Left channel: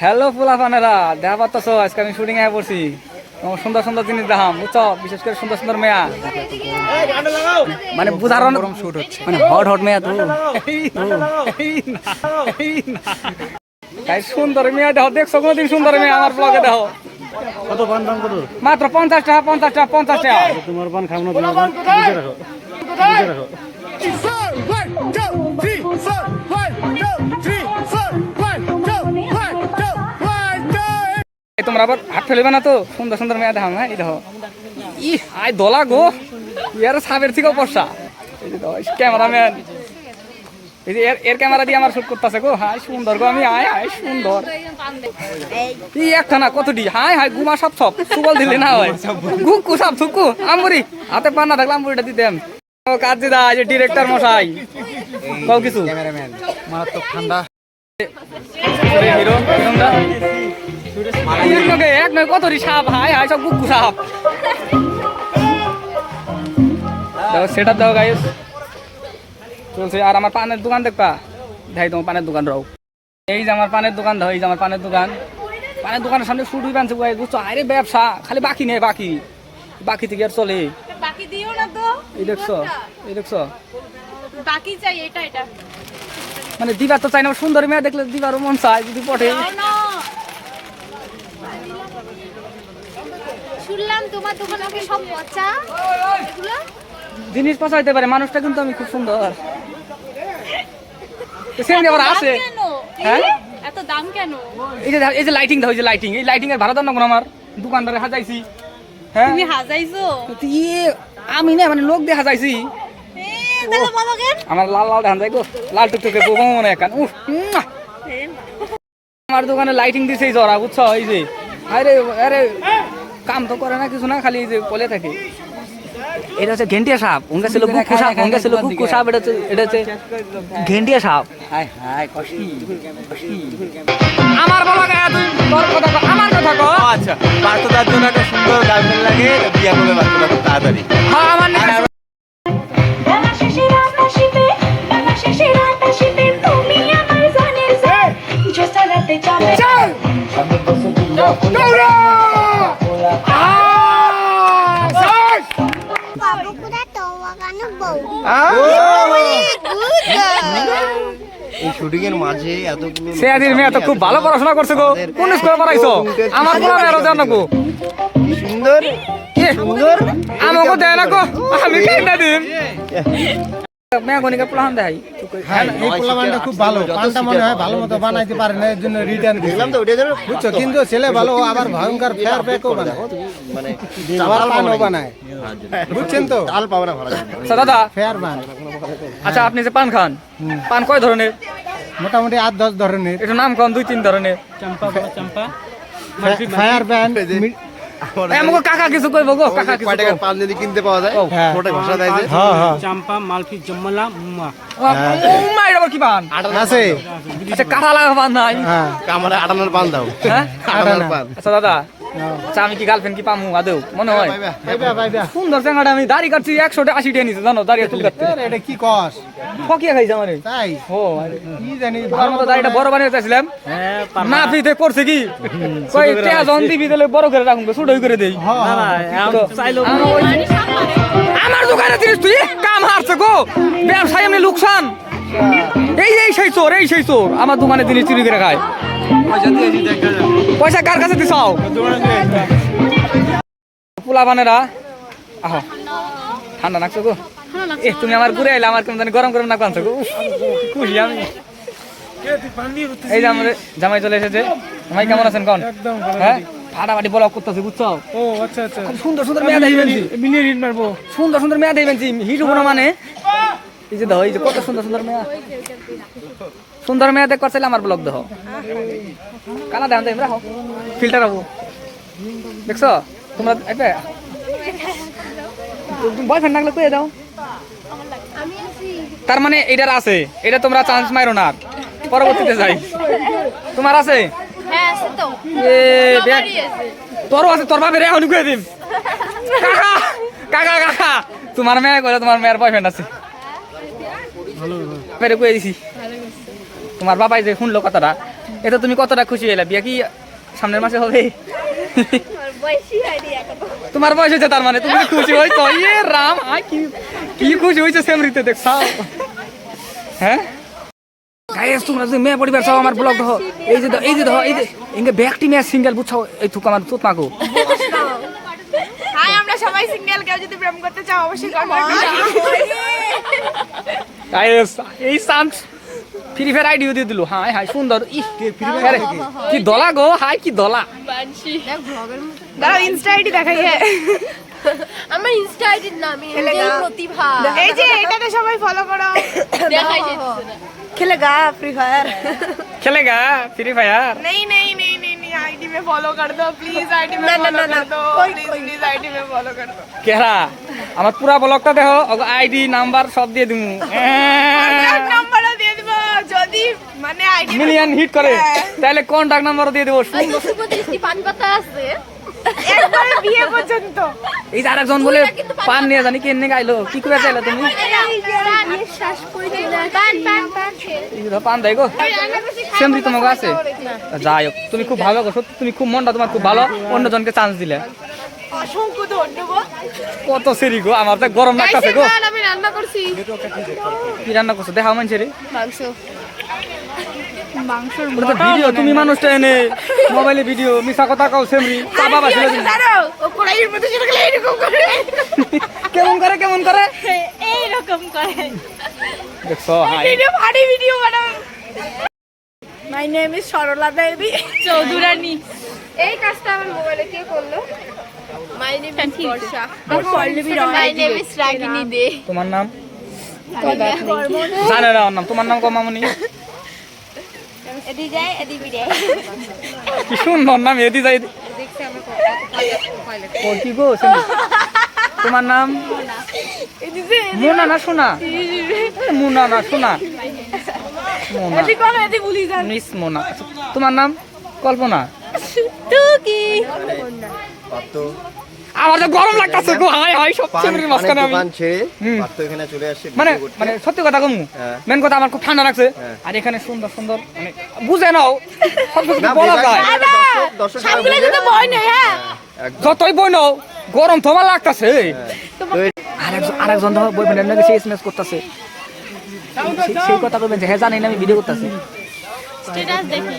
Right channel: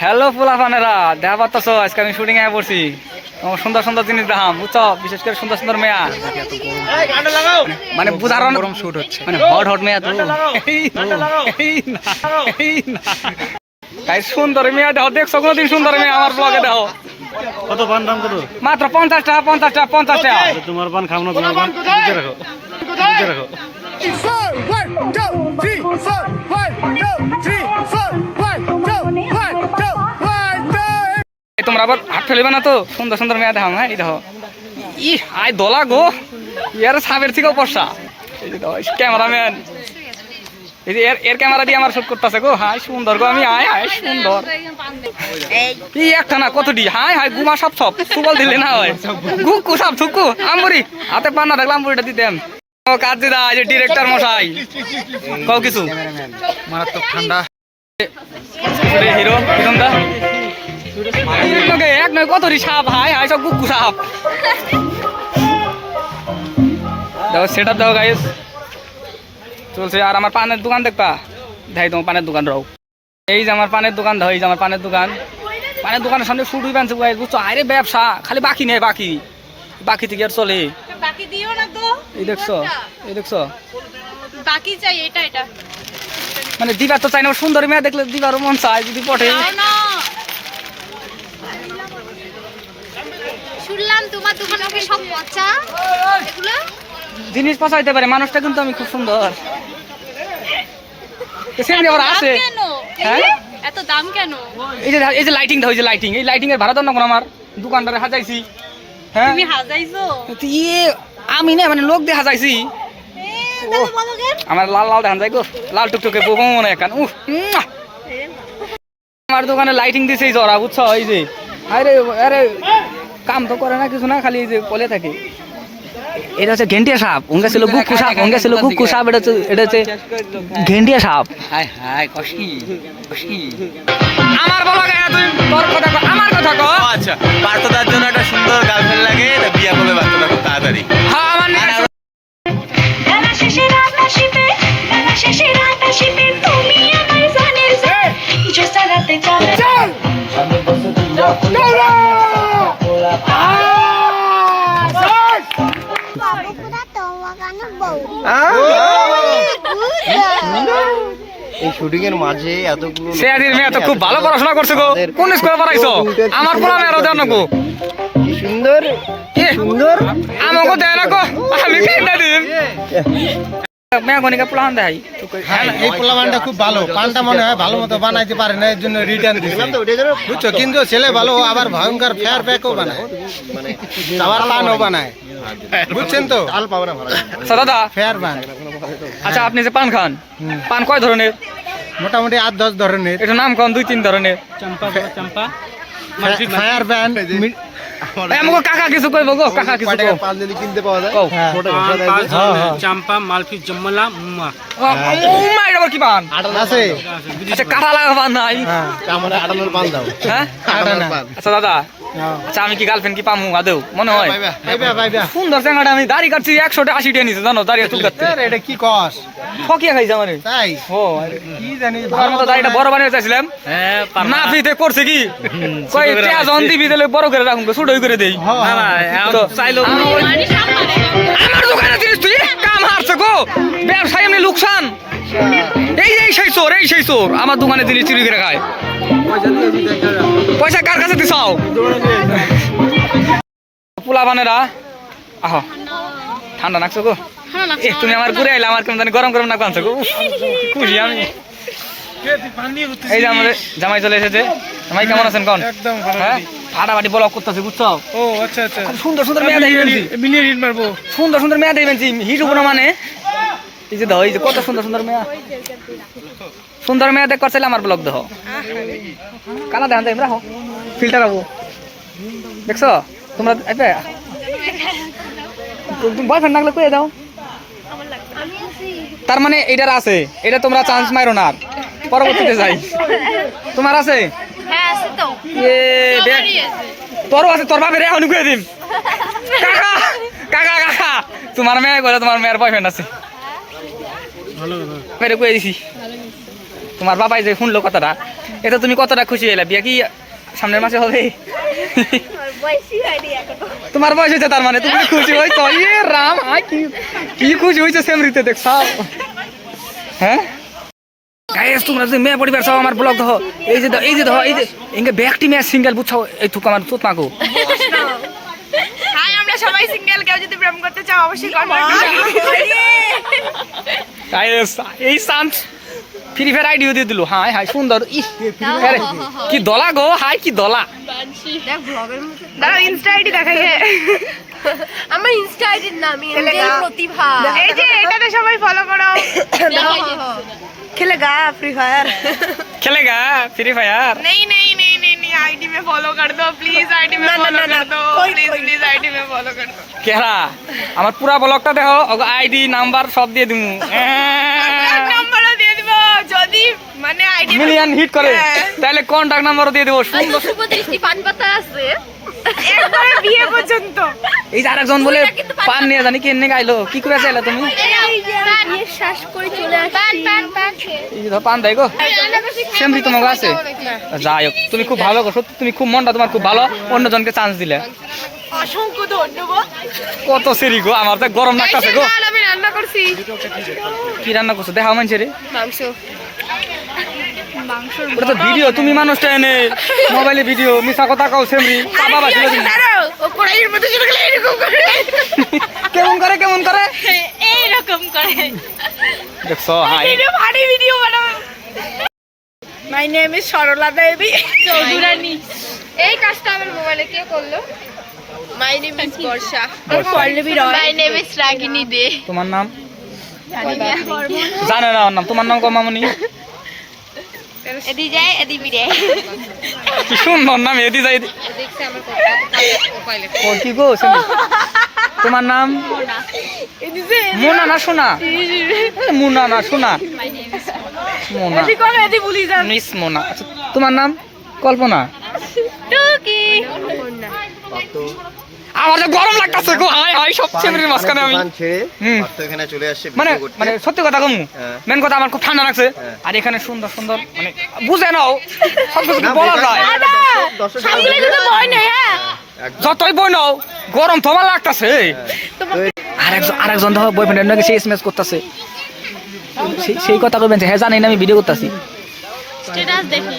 Hello ফুলাফানেরা, দেখা পাচ্ছ আজকে আমি শুটিং এ পড়ছি। তোমার সুন্দর সুন্দর জিনিস দেখাম, বুঝছো? বিশেষ করে সুন্দর সুন্দর মেয়া, মানে বুঝার গরম শুট হচ্ছে, মানে হট হট মেয়া। তো তাই সুন্দর মেয়া দেখো, দেখছো কোনোদিন সুন্দর মেয়া আমার ব্লগে দেখো? কত পান দাম কত? মাত্র 50 টাকা, 50 টাকা, 50 টাকা। তোমার পান খাও না, তোমার পান বুঝে রাখো, বুঝে রাখো। তোমরা আবার হাত ফেলবে না তো, সুন্দর সুন্দর মেয়া দেখাম। হ্যাঁ, এই দেখো, ই আয় দোলা গো, ইয়ার সাবের থেকেও পয়সা। এই যে দেখো ক্যামেরাম্যান, এই যে এর ক্যামেরা দিয়ে আমার শুট করতেছে গো। হাই সুন্দর গো, আমি আয় আয় সুন্দর। এই একটা না কতটি, হাই হাই গুমা সব সব সুবল দিলে না হয়, গুকু সব থুকু আমরি হাতে পান না থাকলে আমরিটা দিতাম। কাজ দিদা, এই যে ডিরেক্টর মশাই, কও কিছু। মারাত্মক ঠান্ডা। হিরো হিরোটা এক নয় কতটি সাপ, হাই হাই সব গুকু সাপ। দেখো সেটা দাও গাইস, চলছে। আর আমার পানের দোকান দেখবা, দেখাই তোমার পানের দোকান রাও। এই যে আমার পানের দোকান দাও, এই যে আমার পানের দোকান। পানের দোকানের সামনে শুট বানছে বুঝছো? আরে ব্যবসা খালি বাকি নেই, বাকি বাকি থেকে আর চলে। বাকি দিও না তো। এই দেখছো, এই দেখছো, বাকি চাই এটা এটা। মানে দিবার তো চাই না, সুন্দর মেয়ে দেখলে দিবারও মন চায় যদি পটে। না না, শুনলাম তোমার দোকানে ওকে সব পচা এগুলো জিনিস পচা হইতে পারে, মানুষটা কিন্তু আমি খুব সুন্দর। সেমনি ওরা আসে কেন? হ্যাঁ, এত দাম কেন? এই যে লাইটিং দাও, এই যে লাইটিং, এই লাইটিং এর ভাড়া দাও না কোন? আমার দোকানদারে সাজাইছি। হ্যাঁ, তুমি হাজাইছো? ইয়ে আমি না, মানে লোক দিয়ে সাজাইছি। তাহলে বলো কেন? আমার লাল লাল দেখান যায় গো, লাল টুকটুকে বউ মনে একান। আমার দোকানে লাইটিং দিছে এই জরা, বুঝছো? এই যে আরে আরে কাম তো করে না কিছু না, খালি এই যে বলে থাকে। এটা হচ্ছে ঘেন্টিয়া সাপ, ওঙ্গা ছিল গুকু সাপ, ওঙ্গা ছিল গুকু সাপ, এটা হচ্ছে ঘেন্টিয়া সাপ। হাই হাই কষ্টি কষ্টি। আমার বলো গে তুই, তোর কথা কও, আমার কথা কও। আচ্ছা, বাচ্চাটার জন্য একটা সুন্দর গার্লফ্রেন্ড লাগে, তা বিয়ে করবে বাচ্চাটা খুব তাড়াতাড়ি। হ্যাঁ, আমার না এই শুটিং এর মাঝে এতগুলো সেদিন মেয়ে তো খুব ভালো পড়াশোনা করছে গো। কোন স্কুলে পড়াইছো? আমার পোলা মেয়েরও দেন না গো। সুন্দর সুন্দর আমাকে দেয় না গো, আমি খাই না দিন মেয়ে গনিকা পোলাহান দেয়। এই পোলাপানটা খুব ভালো, পানটা মনে হয় ভালো মতো বানাইতে পারে না, এর জন্য রিটার্ন দিচ্ছে, বুঝছো? কিন্তু ছেলে ভালো, আবার ভয়ঙ্কর ফেয়ার প্যাকও বানায়, আবার পানও বানায়, বুঝছেন তো? আচ্ছা দাদা, ফেয়ার পান। আচ্ছা আপনি যে পান খান, পান কয় ধরনের? মোটামুটি 8-10 ধরনের। এটা নাম কোন? 2-3 ধরনের। Fire pan. আমাকে কাকা কিছু কইব গো, কাকা কিছু কও। পান যদি কিনতে পাওয়া যায় কও। ছোট ভাষা দেয় যে চাম্পা, মালফি, জম্মলা, মুম্মা। উম্মা এটা আবার কি পান? আছে আচ্ছা কাটা লাগা পান নাই? আমাদের আটানোর পান দাও। হ্যাঁ আচ্ছা দাদা, আচ্ছা আমি কি গার্লফ্রেন্ড কি পামু আদেও মনে হয়? সুন্দর জায়গাটা, আমি দাড়ি কাটছি 180 টাকা নিছে জানো, দাড়ি চুল কাটতে। এটা কি কস? ফকিয়া খাইছে আমারে। তাই ও কি জানি, তোমার মতো দাড়িটা বড় বানিয়ে চাইছিলাম। না ফিতে করছে কি কই পেঁয়াজ অন দিবি দিলে বড় করে রাখুন, ছোটই করে দেই। না না চাইলো আমার দোকানে জিনিস তুই কাম হারছে গো, ব্যবসায় এমনি লোকসান। এই এই সেই চোর, এই সেই চোর আমার দোকানে জিনিস চুরি করে খায়। পয়সা কার কাছে দিছাও? পোলাপানেরা আহ ঠান্ডা নাকছো গো। এ তুমি আমার ঘুরে আইলা, আমার কেমন জানি গরম গরম নাক আনছো গো। কি খুশি আমি। এই যে আমাদের জামাই চলে এসেছে। জামাই কেমন আছেন কোন? একদম হ্যাঁ, ফাটাফাটি ব্লগ করতেছে বুঝছো? ও আচ্ছা আচ্ছা, খুব সুন্দর সুন্দর মেয়ে দেখবেন, মিলিয়ে হিট মারবো। সুন্দর সুন্দর মেয়ে দেখবেন, হিট হবো না মানে। এই যে দেখো, এই যে কত সুন্দর সুন্দর মেয়ে, সুন্দর মেয়ে দেখ করছিলে আমার ব্লগ দেখো। কানা দেখান যাই রাখো, ফিল্টার হবো দেখছো তোমরা? বয়ফ্রেন্ড লাগলে কয়ে দাও। তার মানে এইটার আছে, এটা তোমরা চান্স মারো না, পরবর্তীতে যাই। তোমার আছে? হ্যাঁ আছে তো। এ দেখ, তোরও আছে, তোর বাপের এখন কয়ে দিন। কাকা কাকা কাকা, তোমার মেয়ে করে, তোমার মেয়ের বয়ফ্রেন্ড আছে। ভালো কয়ে দিছি, তোমার বাবাই যে শুনলো কথাটা এটা তুমি কতটা খুশি হলে? বিয়ে কি সামনের মাসে হবে? তোমার বয়স হয়েছে তার মানে তুমি খুশি হয়েছো? ইয়ে রাম, কি খুশি হয়েছে সেমরিতে দেখছ? হ্যাঁ গাইস, তোমরা যে মেয়ে পরিবার সব আমার ব্লগ দেখো, এই যে ইনকে ব্যাকটি মেয়ে সিঙ্গেল বুঝছো, এই থুক আমার চোট মাগো। হাই, আমরা সবাই সিঙ্গেল, কেউ যদি প্রেম করতে চাও অবশ্যই কমেন্ট গাইস এই চান্স ফ্রি ফায়ার আইডিও দিয়ে দিল। হাই হাই সুন্দর, ইস কি দলা গো, হাই কি দলা। দেখ ব্লগের মতো দাঁড়াও, ইনস্টা আইডি দেখা যায়। আমার ইনস্টা আইডির নাম এঞ্জেল প্রতিভা। এই যে এটাতে সবাই ফলো করো। खेलेगा फ्री फायर? खेलेगा फ्री फायर? नहीं आईडी में फॉलो कर दो प्लीज, आईडी में फॉलो कर दो प्लीज आईडी में फॉलो कर दो। কেরা আমার পুরা ব্লগটা দেখো, আইডি নাম্বার সব দিয়ে দিমু। নাম্বারও দিয়ে দিব যদি মানে আইডি মিলিয়ন হিট করে, তাহলে কন্টাক্ট নাম্বারও দিয়ে দেবো। শুভ দৃষ্টি পান পাতা আছে একবারে বিয়ে পর্যন্ত। এই যে আরেকজন বলে পান নিয়ে জানি কেনে গাইলো, কি করে চাইলা তুমি? বিয়ে শ্বাস করে চলে আসছি। এই যে পান দেয় গো, সেমরি তোমার আছে। যাই হোক, তুমি খুব ভালো গো, সত্যি তুমি খুব মনটা তোমার খুব ভালো, অন্যজনকে চান্স দিলে। অসংখ্য ধন্যবাদ। কত সেরি গো, আমার তো গরম লাগতেছে গো। আমি রান্না করছি। কি রান্না করছো দেখাও মানুষের? মাংস। ওটা তো ভিডিও, তুমি মানুষটা এনে মোবাইলে ভিডিও, মিছা কথা কাও সেমরি চাপা বাছিল তুমি। ও কড়াইয়ের মধ্যে চলে গেলে এরকম করে। কেমন করে এইরকম করে দেখছো? হাই ভিডিও ভারী ভিডিও বানাও। My name is Sarala Devi Chaudhurani. এই কাজটা আমার মোবাইলে কে করলো? My name is Barsha. My name is Ragini De. তোমার নাম? জানে না ওর নাম। তোমার নাম কমামনি? এদি যায় এদি বিরে। কি সুন্দর নাম, এদি যায়। ও কি গো শুনি, তোমার নাম? মোনা না সোনা? মোনা না সোনা? মোনা। এদি কোন এদি ভুলি যান। মিস মোনা। তোমার নাম? কল্পনা। টুকি। আমার যে গরম লাগতাছে গো, হাই হাই সব সেমরির মাঝখানে আমি। তো এখানে চলে আসছে মানে ভিডিও করতে। মানে সত্যি কথা কমু, হ্যাঁ। মেন কথা আমার খুব ঠান্ডা লাগছে। আর এখানে সুন্দর সুন্দর মানে বুঝে নাও, সব কিছু কি বলা যায়? সামনে তো ভয় নেই। হ্যাঁ যতই বই নাও, গরম তো আমার লাগতাছে। আরেকজন দেখো বয়ফ্রেন্ডের নাকি সেই এসএমএস করতেছে, সেই কথা কইবেন যে হ্যাঁ জানি না আমি ভিডিও করতেছি। স্ট্যাটাস দেখি।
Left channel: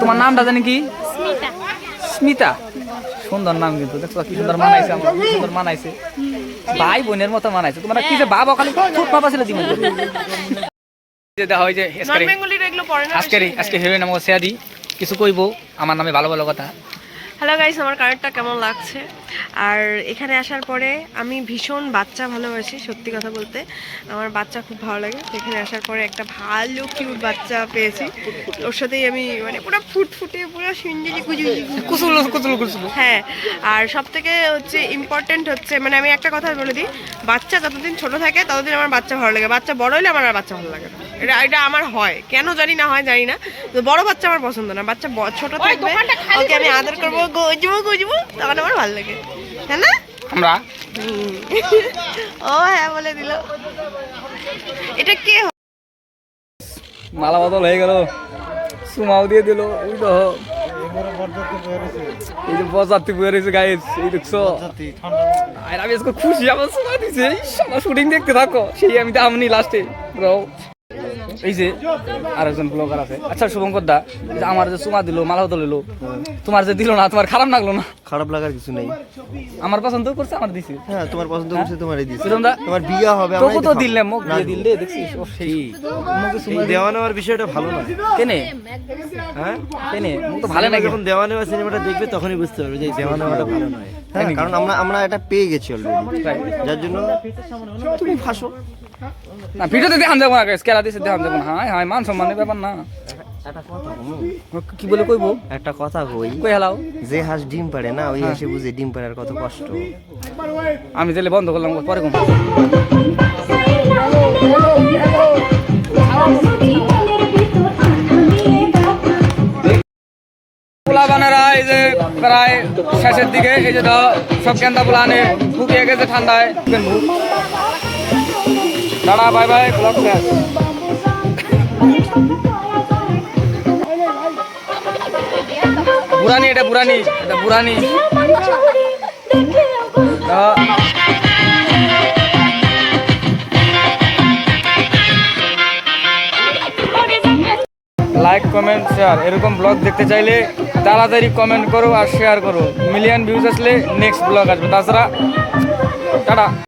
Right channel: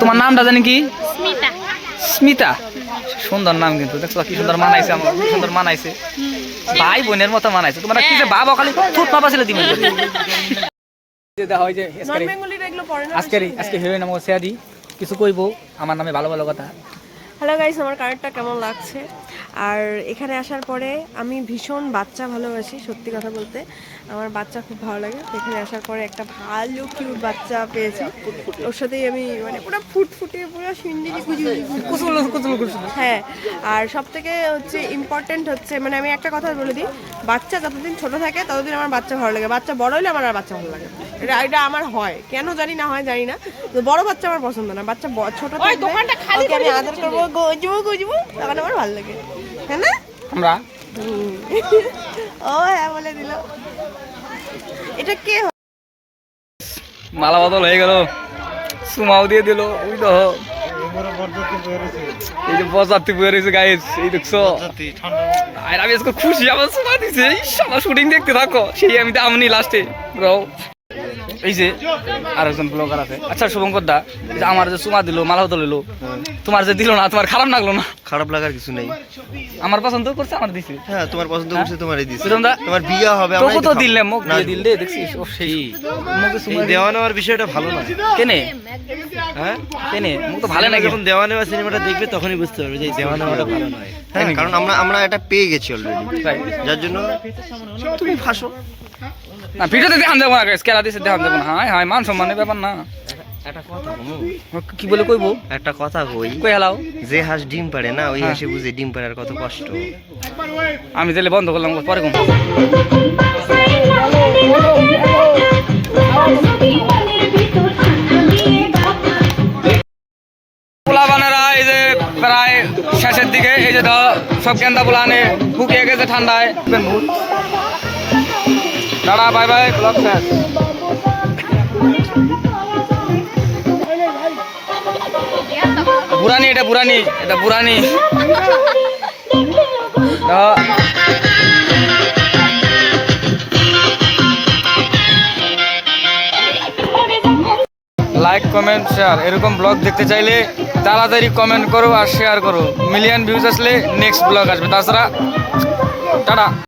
তোমার নামটা জানি কি? স্মিতা। স্মিতা, সুন্দর নাম কিন্তু দেখছো কি সুন্দর মানাইছে, আমার কি সুন্দর মানাইছে, ভাই বোনের মতো মানাইছে। তোমার কি যে বাবা খালি ছোট পাপা ছিল তুমি। যে দেখা হয় যে নন বেঙ্গলির এগুলো পড়ে না। আজকে হিরোইন আমাকে শেয়ার দিই, কিছু কইবো আমার নামে ভালো ভালো কথা। হ্যালো গাইস, আমার কানেরটা কেমন লাগছে? আর এখানে আসার পরে আমি ভীষণ বাচ্চা ভালোবাসি, সত্যি কথা বলতে আমার বাচ্চা খুব ভালো লাগে। তো এখানে আসার পরে একটা ভালো কিউট বাচ্চা পেয়েছি, ওর সাথেই আমি মানে পুরো ফুটফুটে পুরো সুন্দরী কুচুল। হ্যাঁ, আর সব থেকে হচ্ছে ইম্পর্টেন্ট হচ্ছে মানে আমি একটা কথা বলে দিই, বাচ্চা যতদিন ছোট থাকে ততদিন আমার বাচ্চা ভালো লাগে, বাচ্চা বড় হলে আমার আর বাচ্চা ভালো লাগে না। এটা আমার হয়, কেন জানি না, হয় জানি না। তো বড় বাচ্চা আমার পছন্দ না, বাচ্চা ছোট থাকবে, ওকে আমি আদর করবো, গুজবো, তখন আমার ভালো লাগে, হ্যাঁ না? আমরা ও হ্যাঁ বলে দিল। এটা কে? মালা বদল হয়ে গেল, সুমাও দিয়ে দিল। ওই তো এই যে বজাতি বয়ে রয়েছে গাইস, এই দেখছো? আর আমি আজকে খুশি, আমার সুমা দিছে, আমার শুটিং দেখতে থাকো, সেই আমি আমনি লাস্টে ব্রো। এই যে আরেকজন ব্লগার আছে। আচ্ছা শুভঙ্কর দা, আমার যে সুমা দিল, মালা বদল হইলো, তোমার যে দিল না, তোমার খারাপ লাগলো না? খারাপ লাগার কিছু নেই, আমার পছন্দ করছে, আমার দিছে। হ্যাঁ তোমার পছন্দ করছে, তোমারই দিছি। সুরমদা, তোমার বিয়ে হবে, তোকে তো দিলে, মুখ দিয়ে দিলে, দেখছিস? ও সেই মুখে সুমা দেওয়া নেওয়ার বিষয়টা ভালো না। কেনে হ্যাঁ কেনে মুখ তো ভালো না। যখন দেওয়া নেওয়া সিনেমাটা দেখবে তখনই বুঝতে পারবে যে দেওয়া নেওয়াটা ভালো নয়। হ্যাঁ, কারণ আমরা এটা পেয়ে গেছি অলরেডি, যার জন্য তুমি ফাঁসো না। ভিডিওতে দেখান দেবো না, কেলা দিছে দেখান দেবো না। হাই হাই মান সম্মানের ব্যাপার না। কি বলে কইবো? একটা কথা কই, কই হেলাও। যে হাঁস ডিম পাড়ে না, ওই হাঁসে বুঝে ডিম পাড়ার কত কষ্ট। আমি তাহলে বন্ধ করলাম, পরে কম। পোলা বানারা এই যে প্রায় শেষের দিকে, এই যে সব গেন্দা পোলা আনে শুকিয়ে গেছে ঠান্ডায়। দাঁড়া, বাই বাই, ব্লগ শেষ। বুড়ানি, এটা বুড়ানি, এটা বুড়ানি। Like, comment, share. এরকম ব্লগ দেখতে চাইলে তাড়াতাড়ি কমেন্ট করো আর শেয়ার করো। মিলিয়ন ভিউজ আসলে নেক্সট ব্লগ আসবে। তাছাড়া টাটা।